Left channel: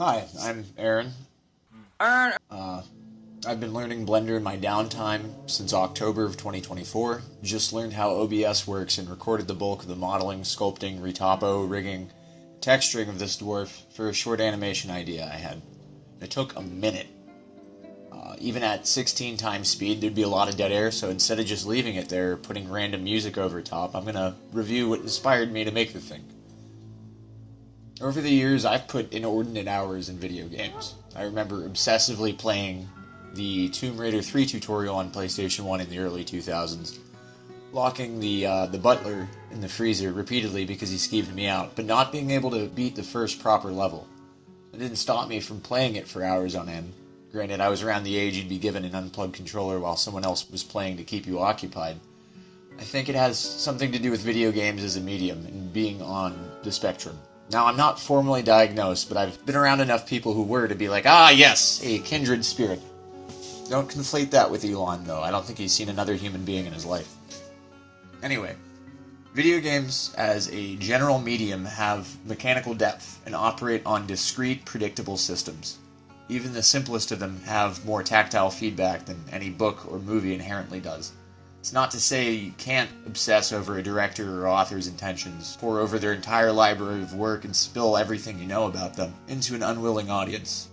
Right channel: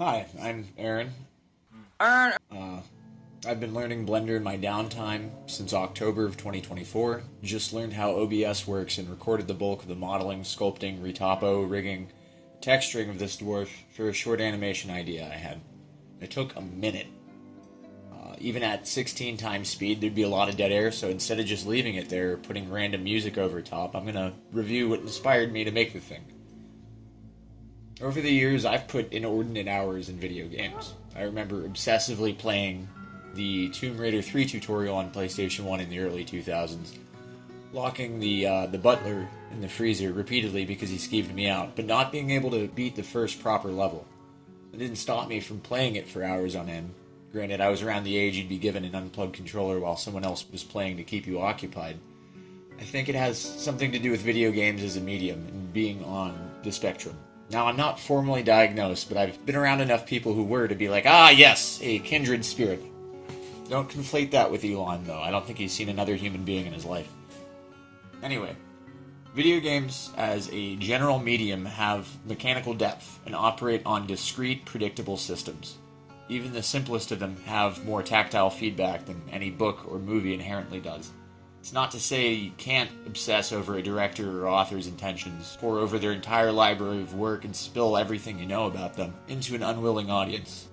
Hi, I'm Aaron. Aaron. I've been learning Blender in my downtime since October of 2024. Just learned how OBS works and recorded the bulk of the modeling, sculpting, retopo, rigging, texturing of this dwarf for a short animation idea I had. It took a minute. Even at 16 times speed, there'd be a lot of dead air, so instead of just leaving it there, putting random music over top, I'm gonna review what inspired me to make the thing. Over the years, I've put inordinate hours in video games. I remember obsessively playing the Tomb Raider 3 tutorial on PlayStation 1 in the early 2000s, locking the butler in the freezer repeatedly because he skeeved me out, but not being able to beat the first proper level. It didn't stop me from playing it for hours on end. Granted, I was around the age you'd be given an unplugged controller while someone else was playing to keep you occupied. I think it has something to do with video games as a medium and being on the spectrum. Now, I'm not formally diagnosed, but I've been around enough people who were to be like, ah, yes, a kindred spirit. Don't conflate that with Elon, though. I don't think he's seen another human being in his life. Anyway, video games as a general medium have mechanical depth and operate on discrete, predictable systems. Even the simplest of them have more tactile feedback than any book or movie inherently does. It's not to say you can't obsess over a director or author's intentions, pour over their entire library of work and spill everything you know about them into an unwilling audience.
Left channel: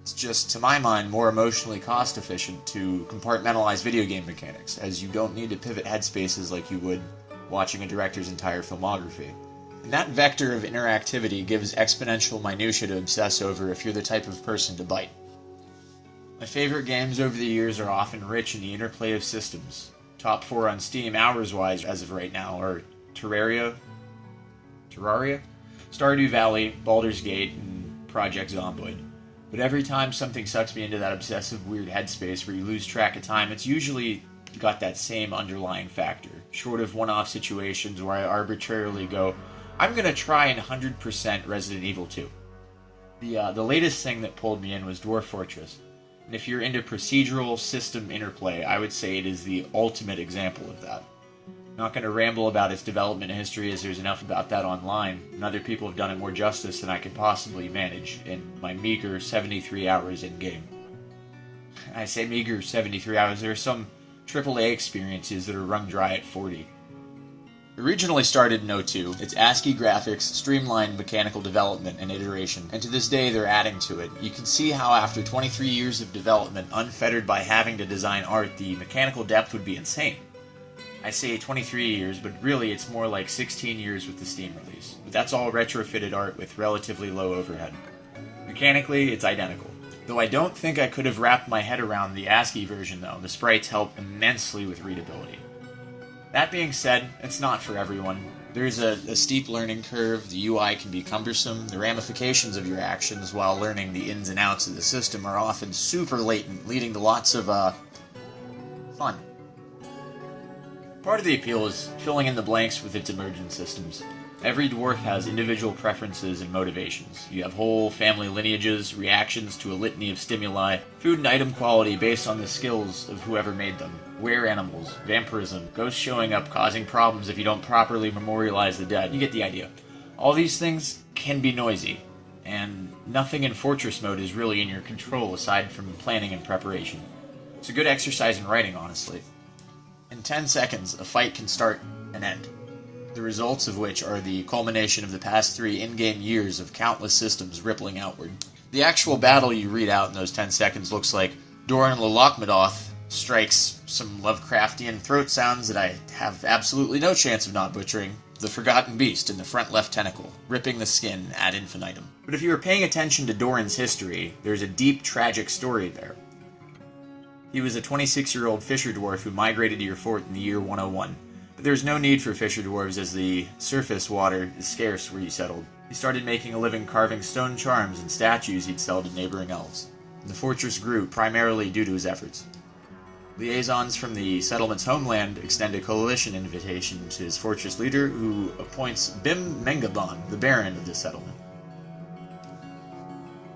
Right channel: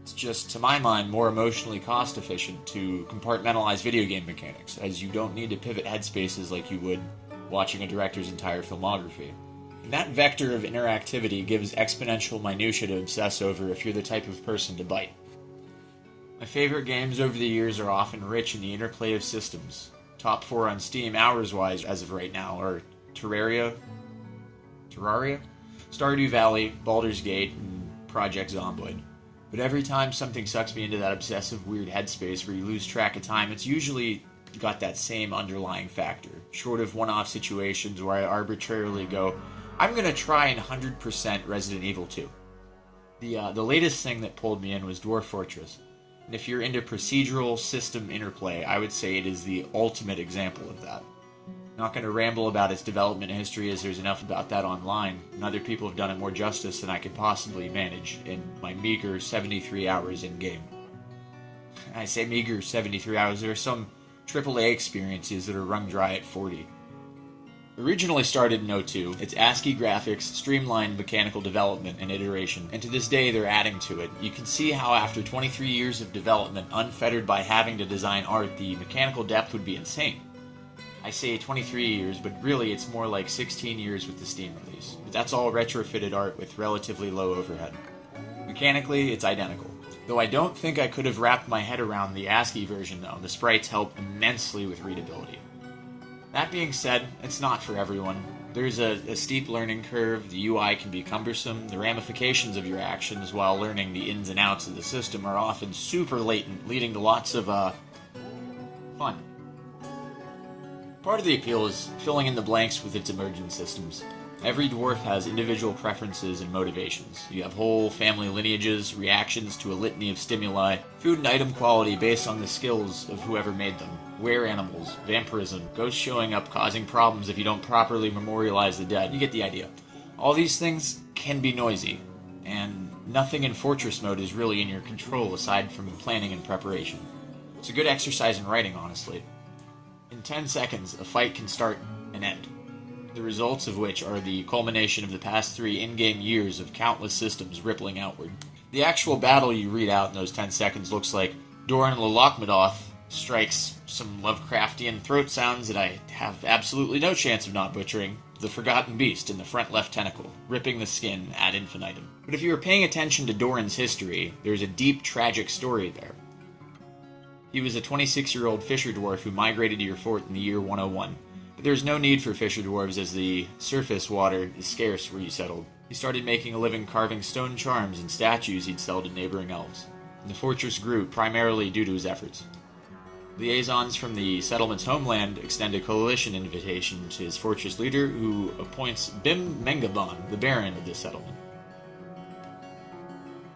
It's just, to my mind, more emotionally cost-efficient to compartmentalize video game mechanics, as you don't need to pivot headspaces like you would watching a director's entire filmography. And that vector of interactivity gives exponential minutia to obsess over if you're the type of person to bite. My favorite games over the years are often rich in the interplay of systems. Top 4 on Steam hours-wise as of right now are Terraria, Stardew Valley, Baldur's Gate, and Project Zomboid. But every time something sucks me into that obsessive weird headspace where you lose track of time, it's usually got that same underlying factor, short of one-off situations where I arbitrarily go, I'm going to try and 100% Resident Evil 2. The latest thing that pulled me in was Dwarf Fortress. And if you're into procedural system interplay, I would say it is the ultimate example of that. I'm not going to ramble about its development history, as there's enough about that online, and other people have done it more justice than I can possibly manage in my meager 73 hours in-game. I say meager 73 hours, there are some AAA experiences that are wrung dry at 40. Originally started in 02, its ASCII graphics streamlined mechanical development and iteration, and to this day they're adding to it. You can see how after 23 years of development, unfettered by having to design art, the mechanical depth would be insane. I say 23 years, but really it's more like 16 years with the Steam release. But that's all retrofitted art with relatively low overhead. Mechanically, it's identical. Though I don't think I could have wrapped my head around the ASCII version though, the sprites help immensely with readability. That being said, it's not for everyone. There's a steep learning curve, the UI can be cumbersome, the ramifications of your actions while learning the ins and outs of the system are often super latent, leading to lots of, fun. Part of the appeal is filling in the blanks with its emergent systems. Every dwarf has individual preferences and motivations. You have whole family lineages, reactions to a litany of stimuli, food and item quality based on the skills of whoever made them, were animals, vampirism, ghosts showing up causing problems if you don't properly memorialize the dead. You get the idea. All these things can be noisy, and nothing in Fortress mode is really in your control aside from planning and preparation. It's a good exercise in writing, honestly. In 10 seconds, a fight can start and end, the results of which are the culmination of the past 3 in-game years of countless systems rippling outward. The actual battle you read out in those 10 seconds looks like Doran Lolokmadoth strikes some Lovecraftian throat sounds that I have absolutely no chance of not butchering, the Forgotten Beast in the front left tentacle, ripping the skin ad infinitum. But if you were paying attention to Doran's history, there's a deep, tragic story there. He was a 26-year-old fisher dwarf who migrated to your fort in the year 101. But there's no need for fisher dwarves as the surface water is scarce where you settled. He started making a living carving stone charms and statues he'd sell to neighboring elves. And the fortress grew primarily due to his efforts. Liaisons from the settlement's homeland extend a coalition invitation to his fortress leader, who appoints Bim Mengabon, the baron of the settlement.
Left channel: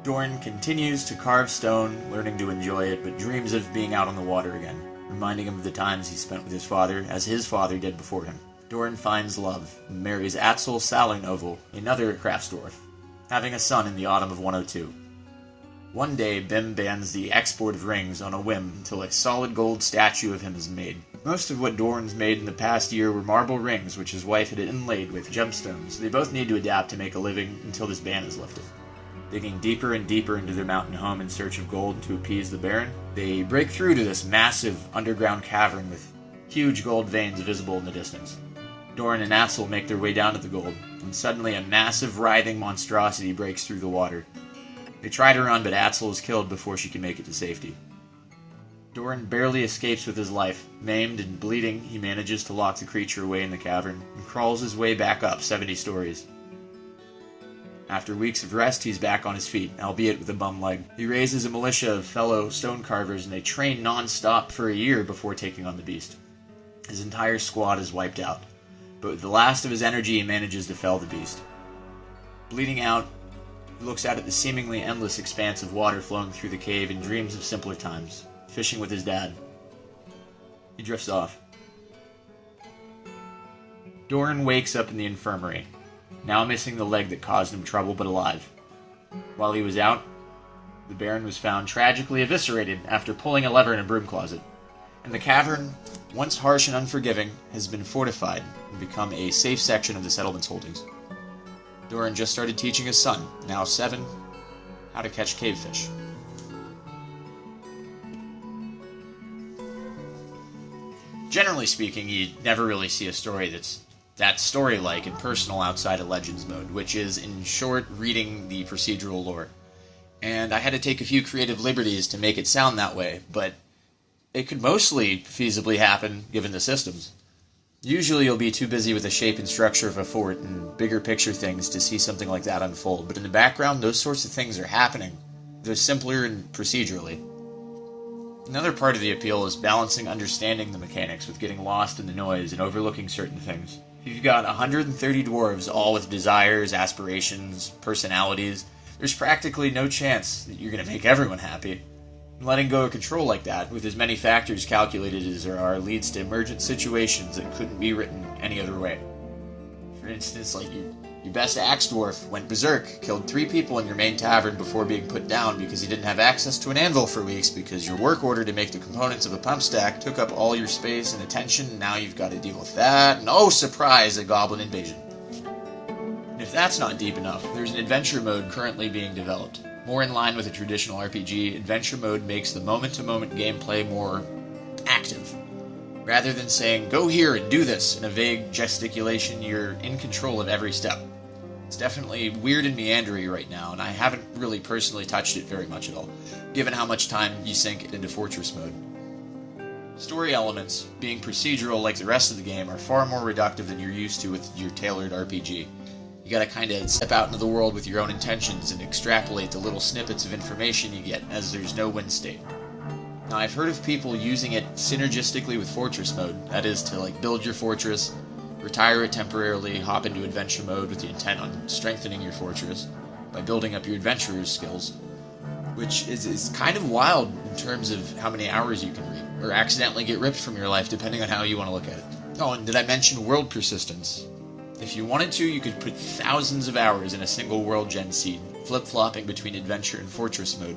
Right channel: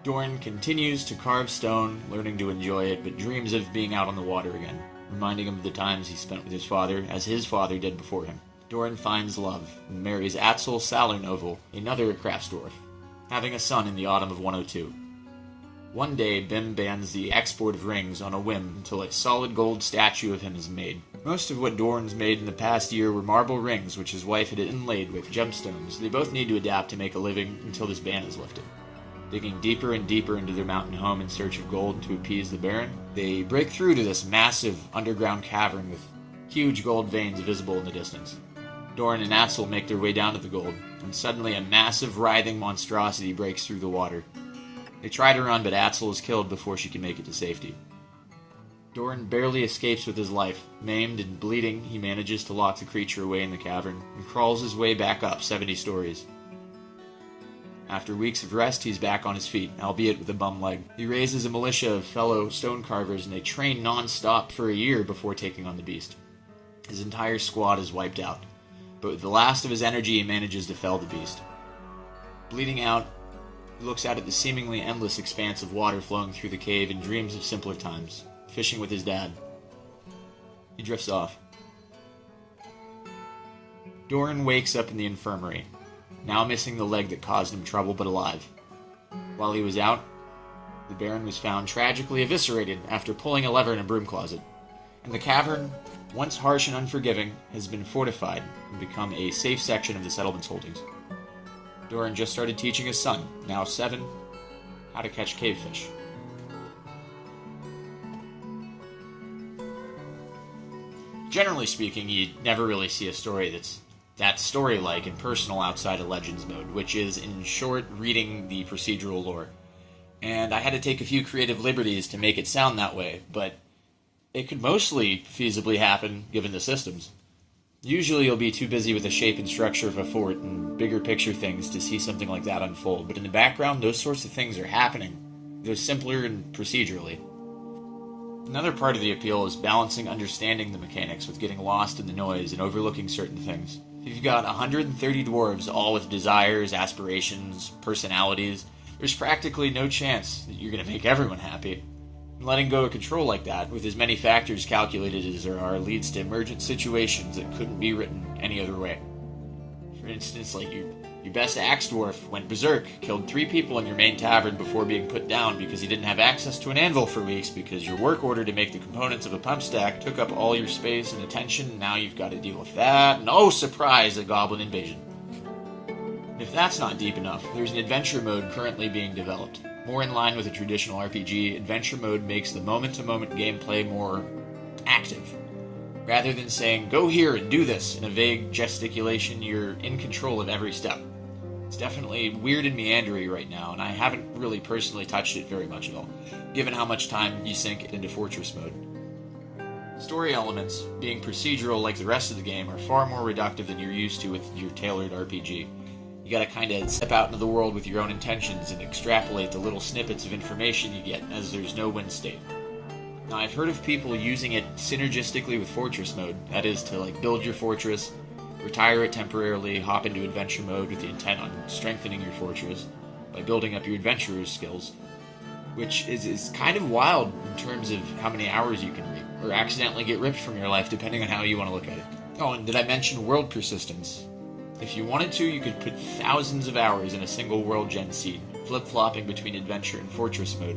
Dorn continues to carve stone, learning to enjoy it, but dreams of being out on the water again, reminding him of the times he spent with his father, as his father did before him. Doran finds love and marries Atzel Salernovel, another craftsdwarf, having a son in the autumn of 102. One day, Bim bans the export of rings on a whim until a solid gold statue of him is made. Most of what Doran's made in the past year were marble rings, which his wife had inlaid with gemstones. They both need to adapt to make a living until this ban is lifted. Digging deeper and deeper into their mountain home in search of gold to appease the Baron, they break through to this massive underground cavern with huge gold veins visible in the distance. Doran and Axel make their way down to the gold, and suddenly a massive writhing monstrosity breaks through the water. They try to run, but Axel is killed before she can make it to safety. Doran barely escapes with his life. Maimed and bleeding, he manages to lock the creature away in the cavern and crawls his way back up 70 stories. After weeks of rest, he's back on his feet, albeit with a bum leg. He raises a militia of fellow stone carvers, and they train non-stop for a year before taking on the beast. His entire squad is wiped out, but with the last of his energy, he manages to fell the beast. Bleeding out, he looks out at the seemingly endless expanse of water flowing through the cave and dreams of simpler times, fishing with his dad. He drifts off. Doran wakes up in the infirmary, now missing the leg that caused him trouble, but alive. While he was out, the Baron was found tragically eviscerated after pulling a lever in a broom closet, and the cavern, once harsh and unforgiving, has been fortified and become a safe section of the settlement's holdings. Doran just started teaching his son, now 7, how to catch cavefish. Generally speaking, you never really see a story that's that story-like and personal outside of Legends mode, which is, in short, reading the procedural lore. And I had to take a few creative liberties to make it sound that way, but it could mostly feasibly happen given the systems. Usually you'll be too busy with the shape and structure of a fort and bigger picture things to see something like that unfold, but in the background, those sorts of things are happening. They're simpler and procedurally. Another part of the appeal is balancing understanding the mechanics with getting lost in the noise and overlooking certain things. If you've got 130 dwarves, all with desires, aspirations, personalities, there's practically no chance that you're going to make everyone happy. And letting go of control like that, with as many factors calculated as there are, leads to emergent situations that couldn't be written any other way. For instance, like your best axe dwarf went berserk, killed 3 people in your main tavern before being put down because he didn't have access to an anvil for weeks because your work order to make the components of a pump stack took up all your space and attention, and now you've got to deal with that, and oh surprise, a goblin invasion. And if that's not deep enough, there's an adventure mode currently being developed. More in line with a traditional RPG, adventure mode makes the moment-to-moment gameplay more active. Rather than saying, go here and do this, in a vague gesticulation, you're in control of every step. It's definitely weird and meandery right now, and I haven't really personally touched it very much at all, given how much time you sink into Fortress mode. Story elements, being procedural like the rest of the game, are far more reductive than you're used to with your tailored RPG. You gotta kinda step out into the world with your own intentions and extrapolate the little snippets of information you get, as there's no win state. Now, I've heard of people using it synergistically with Fortress mode, that is, to build your fortress, retire it temporarily, hop into adventure mode with the intent on strengthening your fortress by building up your adventurer's skills, which is kind of wild in terms of how many hours you can read, or accidentally get ripped from your life, depending on how you want to look at it. Oh, and did I mention world persistence? If you wanted to, you could put thousands of hours in a single world gen seed, flip-flopping between adventure and fortress mode.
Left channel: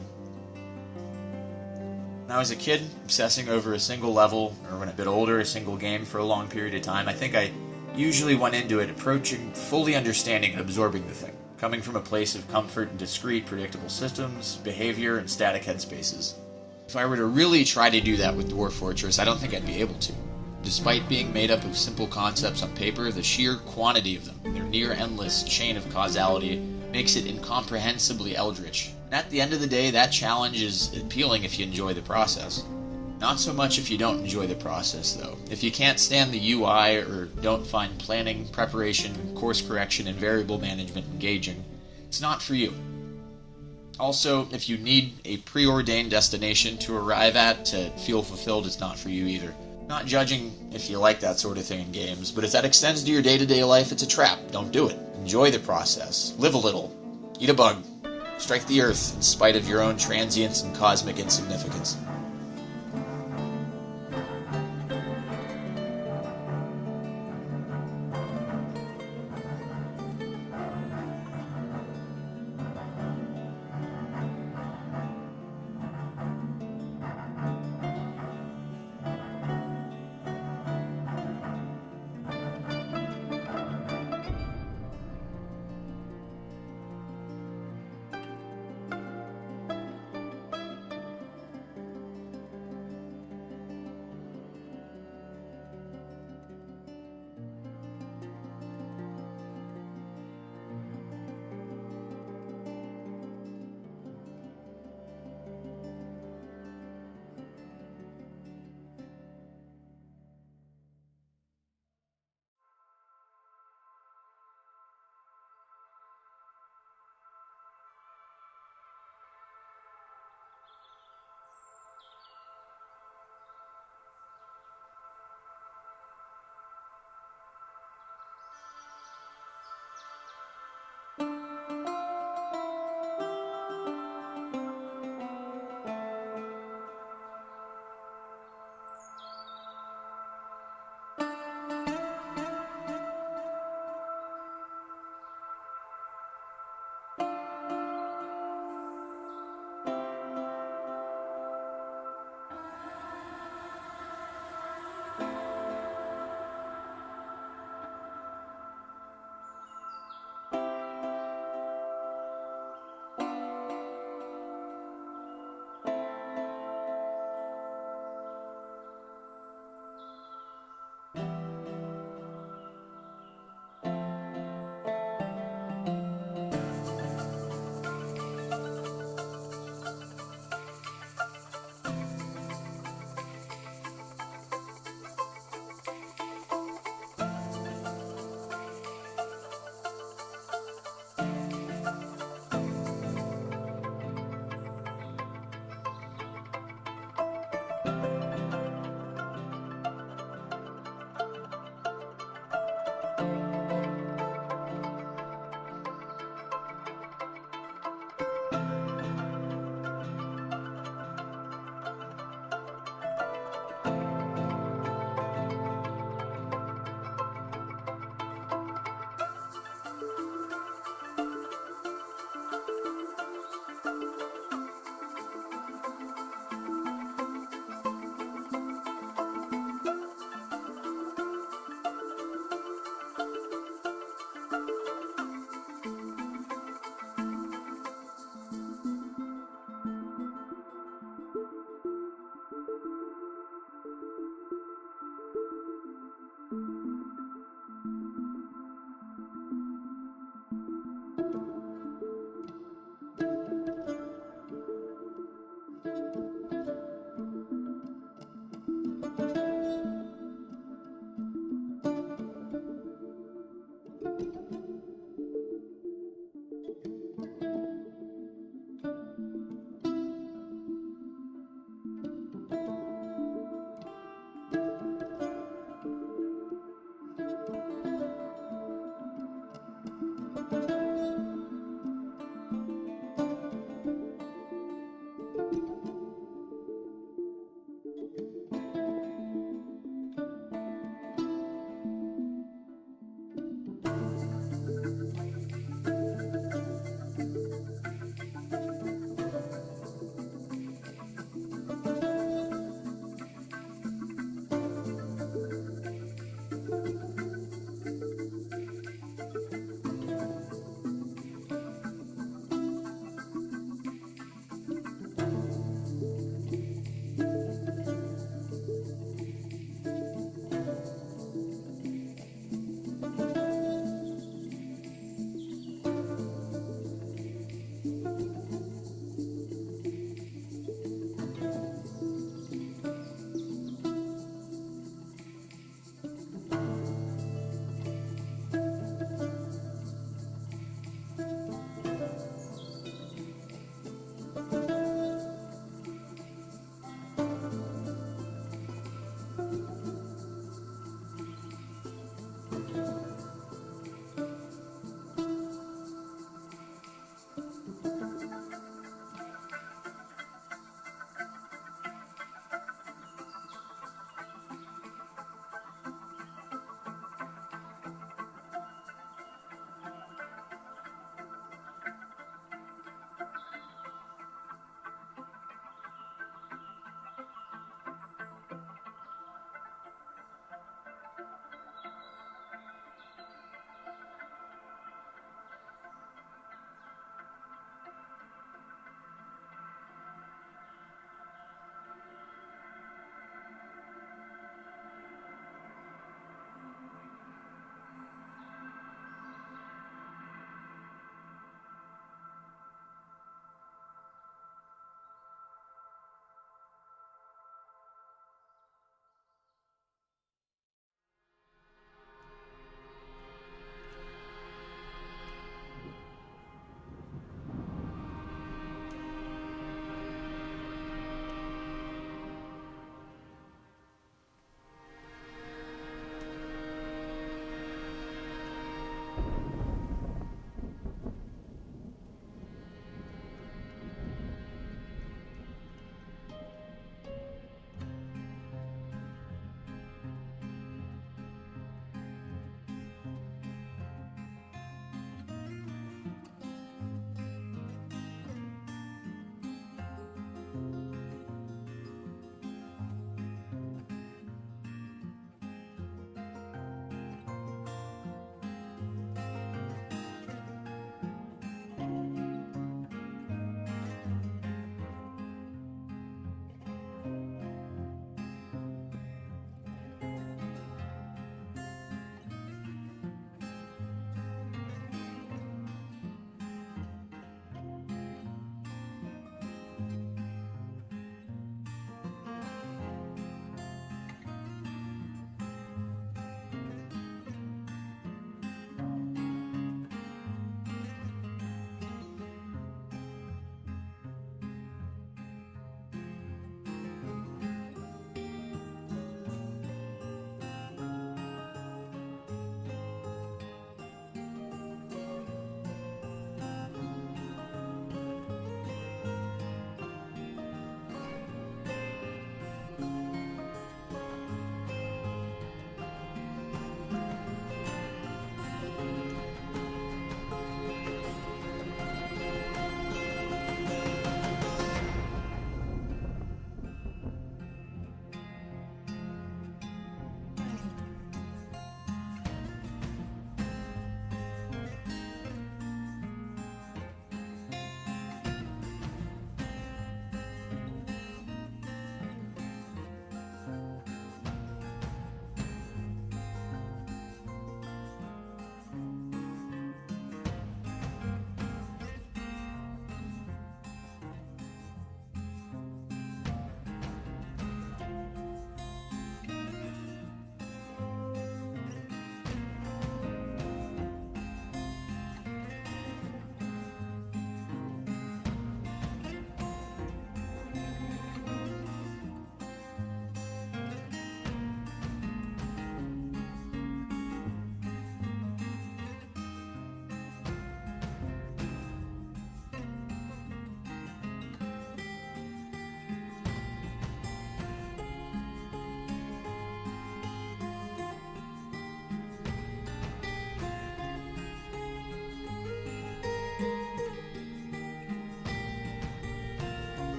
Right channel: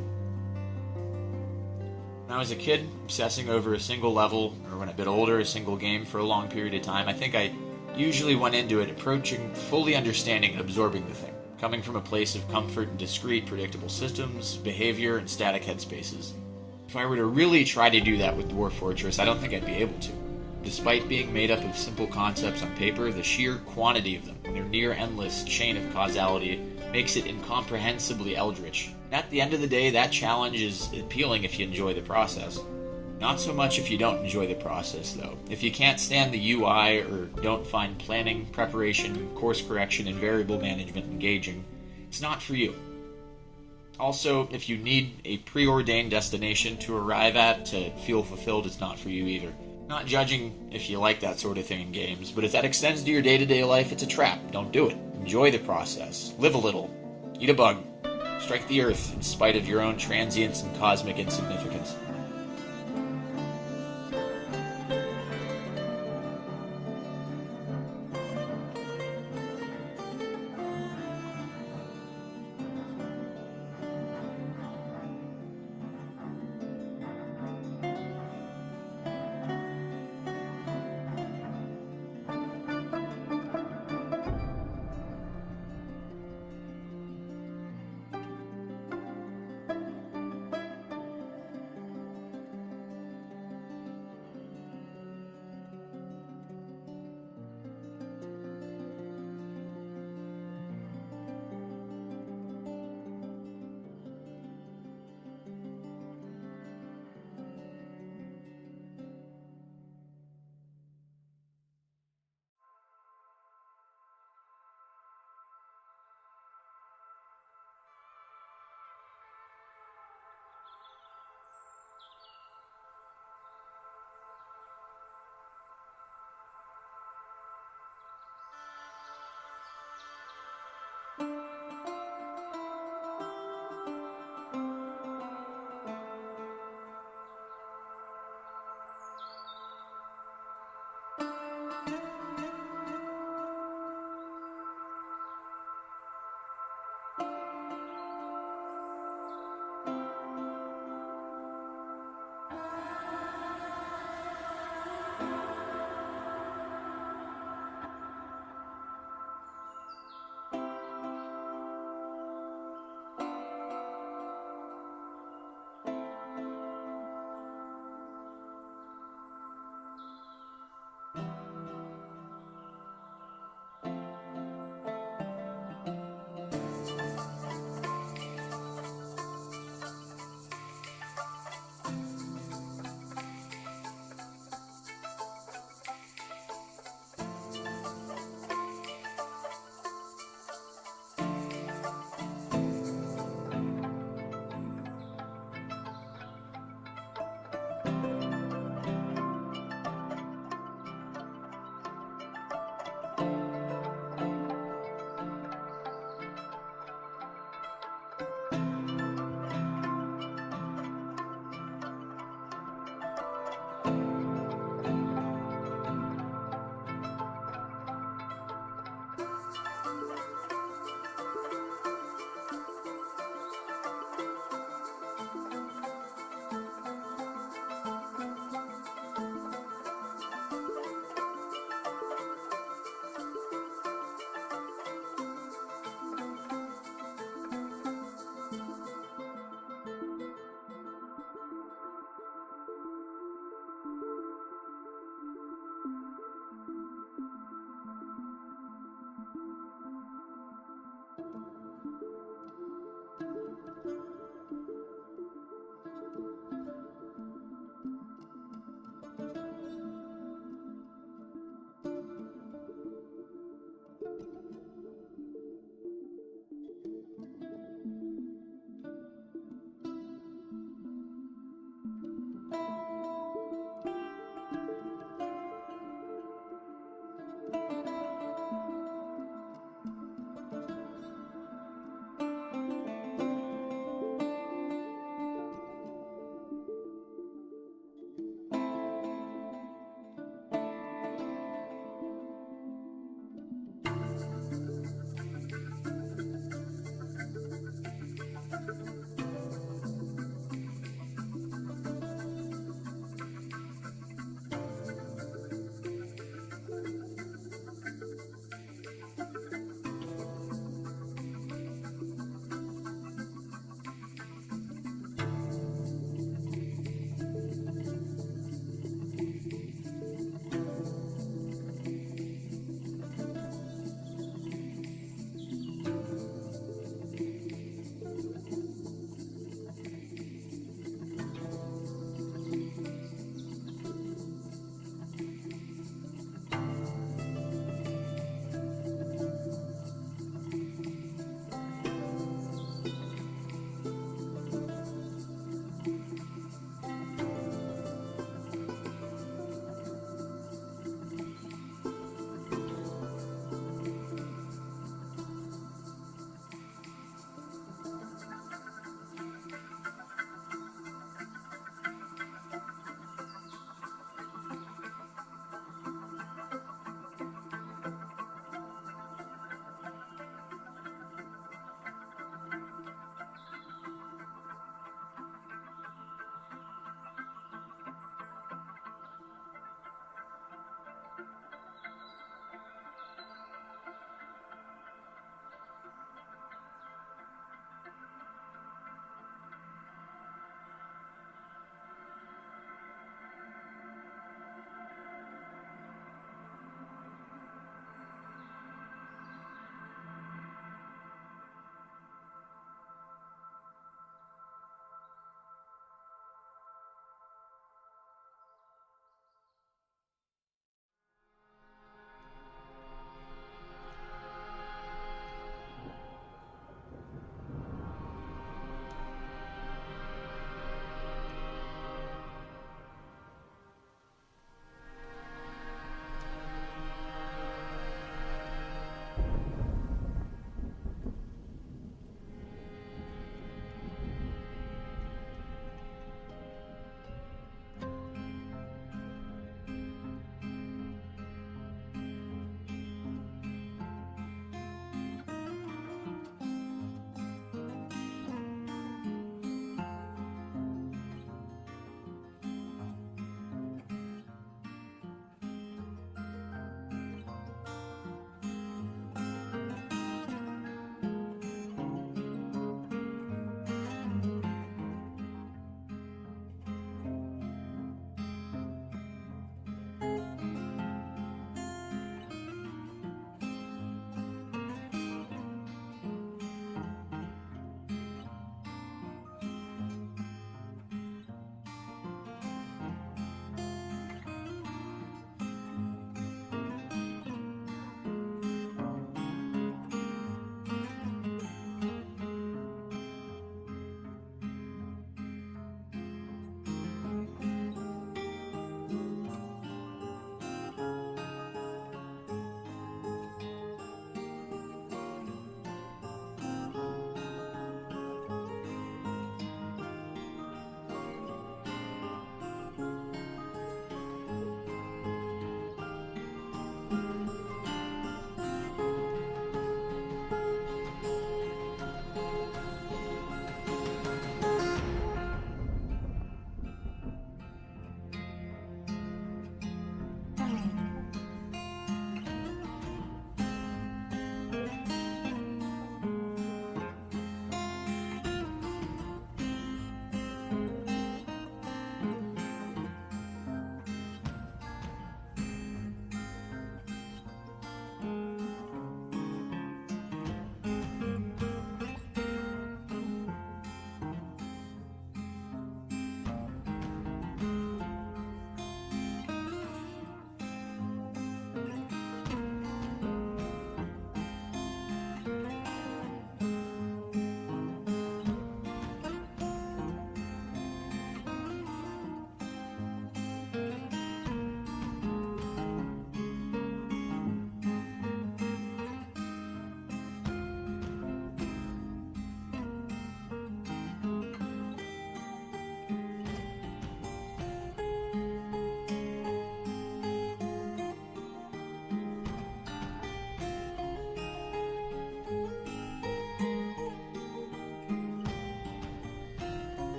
When I was a kid, obsessing over a single level, or when a bit older, a single game for a long period of time, I think I usually went into it approaching fully understanding and absorbing the thing, coming from a place of comfort in discrete, predictable systems, behavior, and static headspaces. If I were to really try to do that with Dwarf Fortress, I don't think I'd be able to. Despite being made up of simple concepts on paper, the sheer quantity of them, and their near-endless chain of causality, makes it incomprehensibly eldritch. And at the end of the day, that challenge is appealing if you enjoy the process. Not so much if you don't enjoy the process, though. If you can't stand the UI, or don't find planning, preparation, course correction, and variable management engaging, it's not for you. Also, if you need a preordained destination to arrive at to feel fulfilled, it's not for you either. Not judging if you like that sort of thing in games, but if that extends to your day-to-day life, it's a trap. Don't do it. Enjoy the process. Live a little. Eat a bug. Strike the earth in spite of your own transience and cosmic insignificance.